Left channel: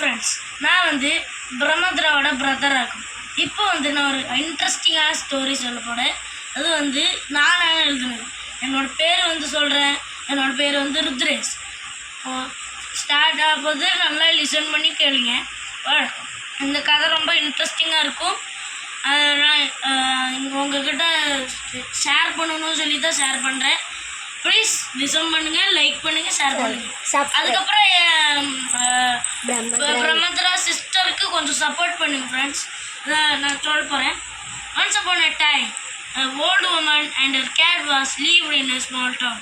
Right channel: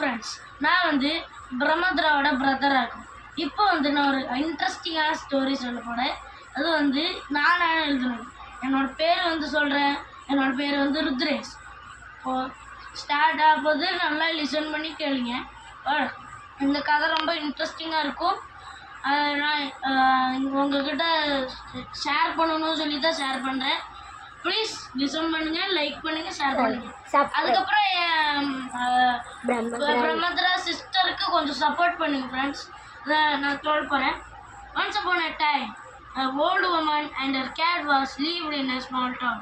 Friends, நான் பிரம்மத்ராவோட பிரதராக இருக்கும். இப்போ நான் ஒரு இன்ட்ரெஸ்டிங்கான ஸ்டோரி சொல்ல போகிறேன். அது நானாக எழுதுனது. என்னோடய பேர் சொல்கிறேன். என்னோடய பேர் ருத்ரேஷ். இப்போது ஸ்டார்ட் ஆகும்போது நல்லா லிசன் பண்ணி கேளுங்க. இந்த கதை ரொம்ப இன்ட்ரெஸ்டிங்காக இருக்கும். நான் உங்ககிட்ட ஷேர் பண்ணணும்னு சொல்லி தான் ஷேர் பண்ணுறேன். ப்ளீஸ் லிசன் பண்ணுங்கள், லைக் பண்ணுங்கள், ஷேர் பண்ணுங்கள். அதுக்கப்புறம் பிரம்மத்ரா சிஸ்டருக்கு கொஞ்சம் சப்போர்ட் பண்ணுங்கள் ஃப்ரெண்ட்ஸ். நான் சொல்ல போகிறேன். Once upon a time, an old woman and her cat was lived in a small town.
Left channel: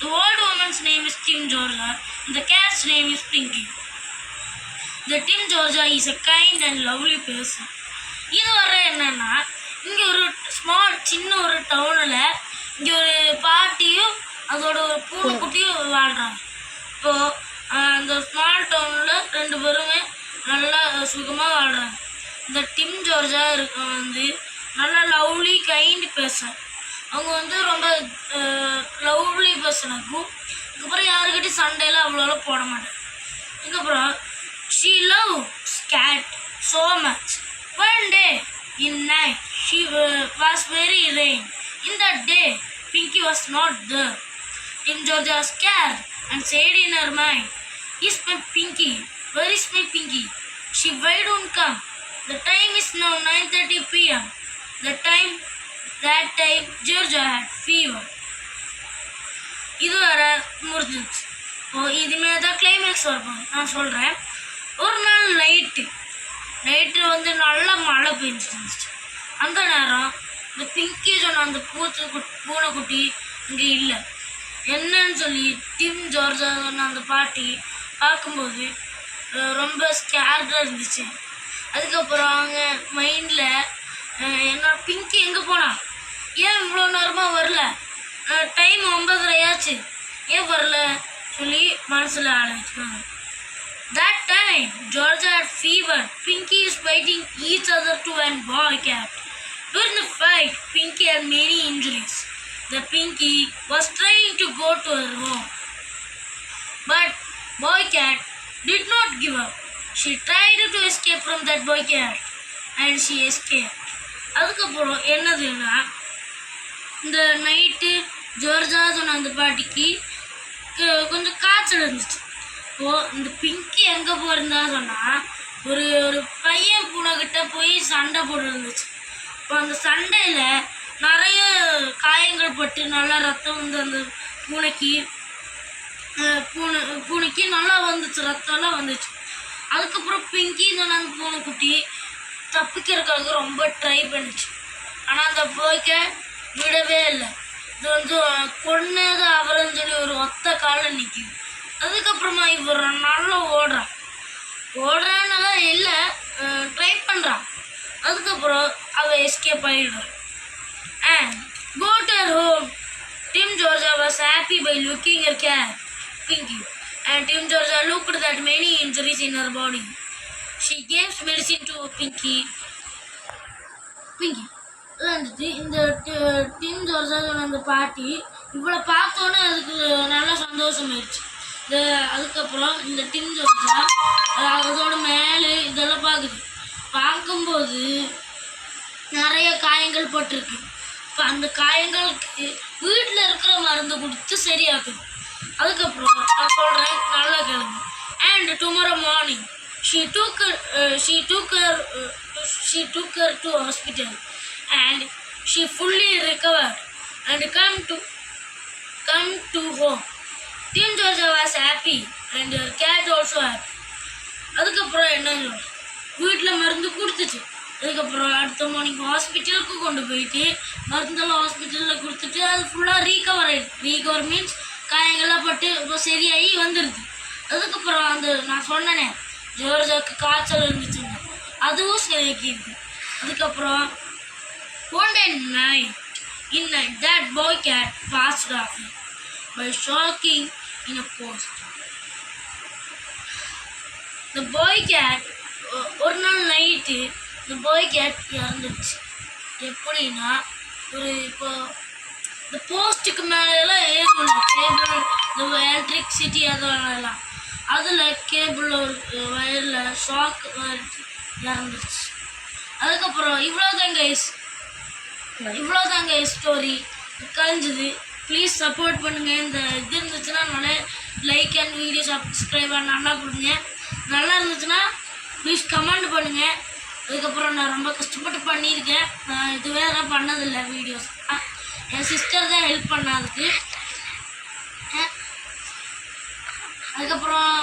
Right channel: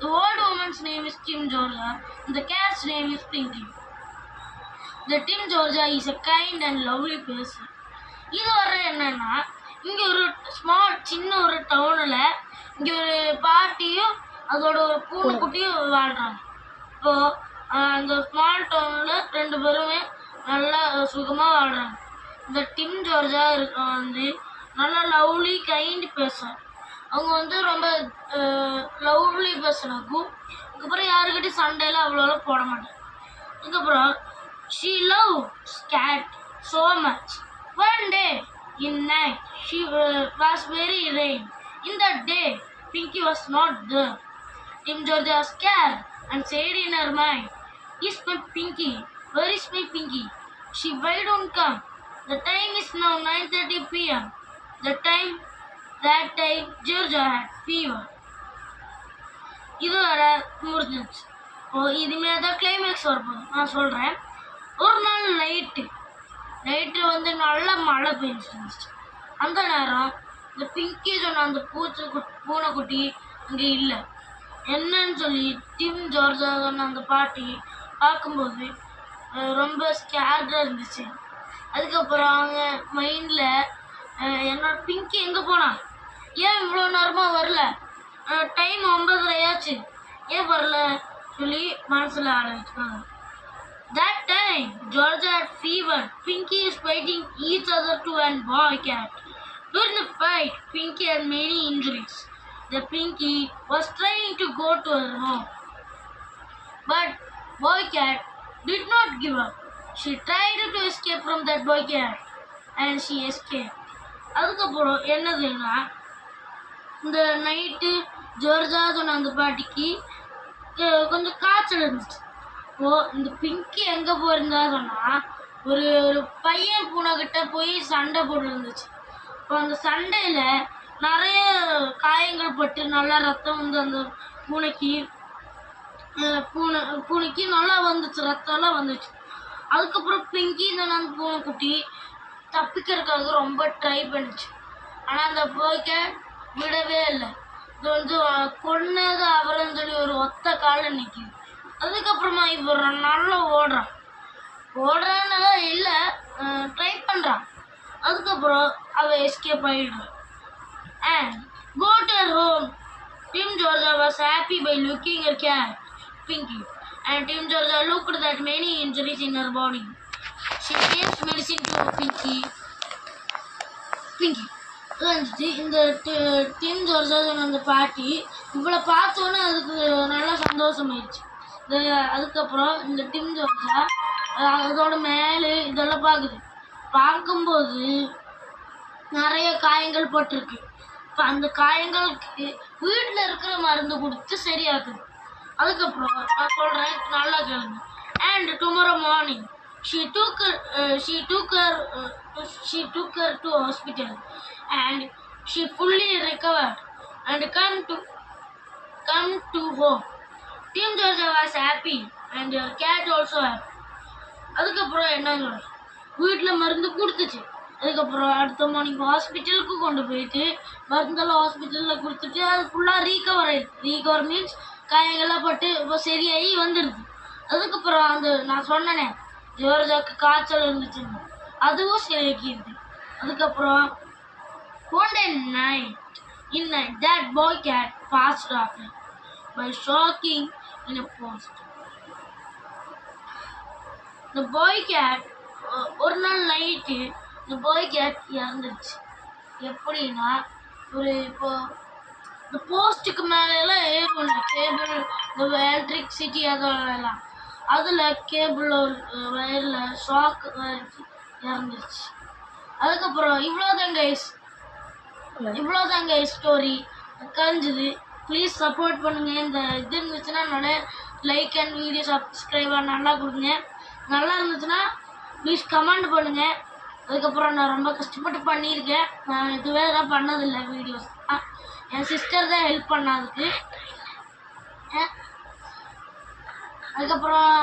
The old woman's name is Tim Georgia and the cat's name is Pinky. The Tim Georgia is a kind and lovely person. இது என்னன்னா, இங்கே ஒரு சின்ன ஒரு டவுனில் இங்கே ஒரு பாட்டியும் அதோட ஒரு பூனைக்குட்டியும் வாழ்கிறாங்க. இப்போது அந்த ஸ்மால் டவுனில் 2 பேருமே நல்லா சுகமாக வாழ்கிறாங்க. இந்த டிம் ஜோர்ஜா நல்லா லவ்லி கைண்ட் பேசுகிறாங்க. அவங்க ரொம்ப லவ்லி பேசுனாக்கும். அதுக்கப்புறம் யாருக்கிட்டையும் சண்டையெல்லாம் அவ்வளோ போட மாட்டாங்க. அதுக்கப்புறம் she loves cat so much. One day in night she was very rain. In that day Pinky was not there. Tim Georgia was scared and said in her mind, "Is my Pinky? Where is my Pinky? Why don't come? The time is now 9:30 p.m. That time Georgia had fever." இது முடிஞ்சிச்சு. இதுமாரி தான் climax வரப்போகுது. நான் சொல்கிறேன். ஒரு நாள் night நல்லா மழை பெஞ்சிட்டு இருந்துச்சு. அந்த நேரம் இந்த பிங்கி சொன்ன அந்த பூனைக்குட்டி அங்கே இல்லை. என்னன்னு சொல்லி டிம் ஜார்ஜா சொன்ன அந்த பாட்டி பார்க்கும்போது ரொம்ப ஸ்கேர்டாக இருந்துச்சு. அதுக்கப்புறம் அவங்க மைண்டில் என்னோட பிங்கி எங்கே போனா, ஏன் இவ்வளோ நேரமாக வரல, டைம் 9:30 ஆச்சு, ஏன் வரல சொல்லி மனசில் ஆலோசிச்சுக்காங்க. That time Georgia had fever. Pinky is fighting each other to one boy cat. During the fight, Pinky had many injuries. The Pinky was trying to go to her home, but boy cat did not give up. She tried to escape from that boy cat and she escaped. அதுக்கப்புறம் என்னதுன்னா, இந்த night ஜோர்ஜா சொன்ன அந்த பாட்டிக்கு கொஞ்சம் காய்ச்சல் இருந்துச்சு. இந்த பிங்கி எங்கே போயிருந்தா சொன்னால், ஒரு பையன் பூனைக்கிட்ட போய் சண்டை போட்டு இருந்துச்சு. இப்போ அந்த சண்டையில் நிறைய காயங்கள் பட்டு நல்லா ரத்தம் அந்த பூனைக்கு நல்லா வந்துச்சு, ரத்தம்லாம் வந்துச்சு. அதுக்கப்புறம் பிங்கி சொன்ன அந்த பூனைக்குட்டி தப்பிக்கிறதுக்காக ரொம்ப ட்ரை பண்ணிச்சு. ஆனால் அந்த போய்க்க விடவே இல்லை. இது கொன்னது அவரன்னு சொல்லி ஒரு ஒத்த காலில் நிற்கிது. அதுக்கப்புறமா இவர் நல்லா ஓடுறான்னு இல்லை, ட்ரை பண்ணுறான். அதுக்கப்புறம் அவள் எஸ்கேப் ஆகிடுறான். And go to her home. Tim Georgia was happy by looking her cat, Pinky. And Tim Georgia looked at many injuries in her body. She gave medicine to Pinky. இந்த dim ஜோர்ஜா அந்த பாட்டி இவளை பார்த்தோன்னே அதுக்கு நல்லா சந்தோஷமாயிடுச்சு. அதுக்கப்புறம் இந்த டிம் ஜோர்ஜா அதோட மேலே இதெல்லாம் பார்க்கும்போது நிறைய காயங்கள் பட்டிருக்கு. இப்போ அந்த காயங்களுக்கு வீட்டில் இருக்கிற மருந்து கொடுத்து சரியாகுது. அதுக்கப்புறம் நான் சொல்கிறேன், நல்லா கேளுங்க. And tomorrow morning she took her to hospital and she fully recovered and come to home. Tim Georgia was happy and her cat also happy. அதுக்கப்புறம் என்ன சொல்கிறேன், வீட்டில் மருந்து கொடுத்துச்சு. அதுக்கப்புறம் அடுத்த மார்னிங் ஹாஸ்பிட்டலுக்கு கொண்டு போயிட்டு மருந்தெல்லாம் ஹாஸ்பிட்டலில் கொடுத்துட்டு அது ஃபுல்லாக ரீகவர் ஆகிடுது. ரீகவர் மீன்ஸ் காயங்கள்லாம் பட்டு இப்போ சரியாகி வந்துடுது. அதுக்கப்புறம் நான் சொன்னேனே ஜோர்ஜாக்கு காய்ச்சல் இருந்துச்சுங்க, அதுவும் சரியாக்கிடுது. அதுக்கப்புறம் one day in night that boy cat passed away by shocking in a post. The boy cat ஒரு நாள் நைட்டு இந்த பாய் கேட் இறந்துடுச்சு. எப்படின்னா, இப்போ இந்த போஸ்ட்டுக்கு மேலெல்லாம் ஏறும் டேபிள், இந்த எலக்ட்ரிசிட்டி அதெல்லாம் அதில் கேபிள் ஒரு வயரில் ஷாக் இறந்துருச்சு. அதுக்கப்புறம் இவ்வளோதாங்க ஸ்டோரி கழிஞ்சுது. ப்ளீஸ் சப்போர்ட் பண்ணுங்கள். இந்த இது இருந்துச்சுன்னா என்னோட லைக் அண்ட் வீடியோ சப்ஸ்கிரைபர் நல்லா கொடுங்க. நல்லா இருந்துச்சுன்னா ப்ளீஸ் கமெண்ட் பண்ணுங்கள். அதுக்கப்புறம் நான் ரொம்ப கஷ்டப்பட்டு பண்ணியிருக்கேன். நான் இதுவே தான் பண்ணதில்லை வீடியோஸ். என் சிஸ்டர் தான் ஹெல்ப் பண்ணதுக்கு. அதுக்கப்புறம்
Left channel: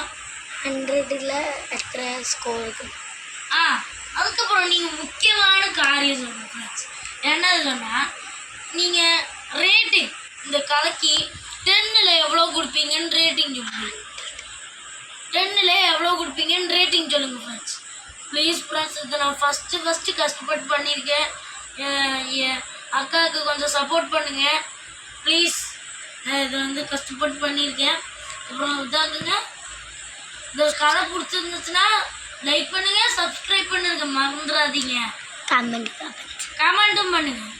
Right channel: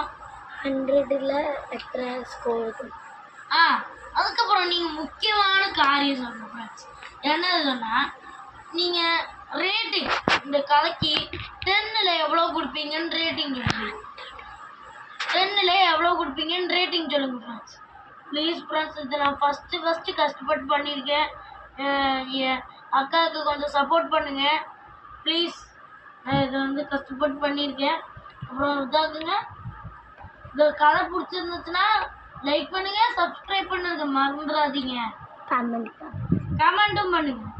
100ல் எத்தனை ஸ்கோர் இருக்கு? அதுக்கப்புறம் நீங்கள் முக்கியமான காரியம் சொல்லணும் ஃப்ரெண்ட்ஸ். என்னது சொன்னால், நீங்கள் ரேட்டிங் இந்த கதைக்கு 10ல் எவ்வளோ கொடுப்பீங்கன்னு ரேட்டிங் சொல்லுங்கள். 10ல் எவ்வளோ கொடுப்பீங்கன்னு ரேட்டிங் சொல்லுங்கள் ஃப்ரெண்ட்ஸ். ப்ளீஸ் ஃப்ரெண்ட்ஸ், இதை நான் ஃபஸ்ட்டு கஷ்டப்பட்டு பண்ணியிருக்கேன். என் அக்காவுக்கு கொஞ்சம் சப்போர்ட் பண்ணுங்கள் ப்ளீஸ். இதை வந்து கஷ்டப்பட்டு பண்ணியிருக்கேன். அப்புறம் இதாகுங்க, இந்த கதை பிடிச்சிருந்துச்சுன்னா லைக் பண்ணுங்கள், சப்ஸ்கிரைப் பண்ணுங்க, மறந்துடாதீங்க. கமெண்ட்டும் பண்ணுங்கள்.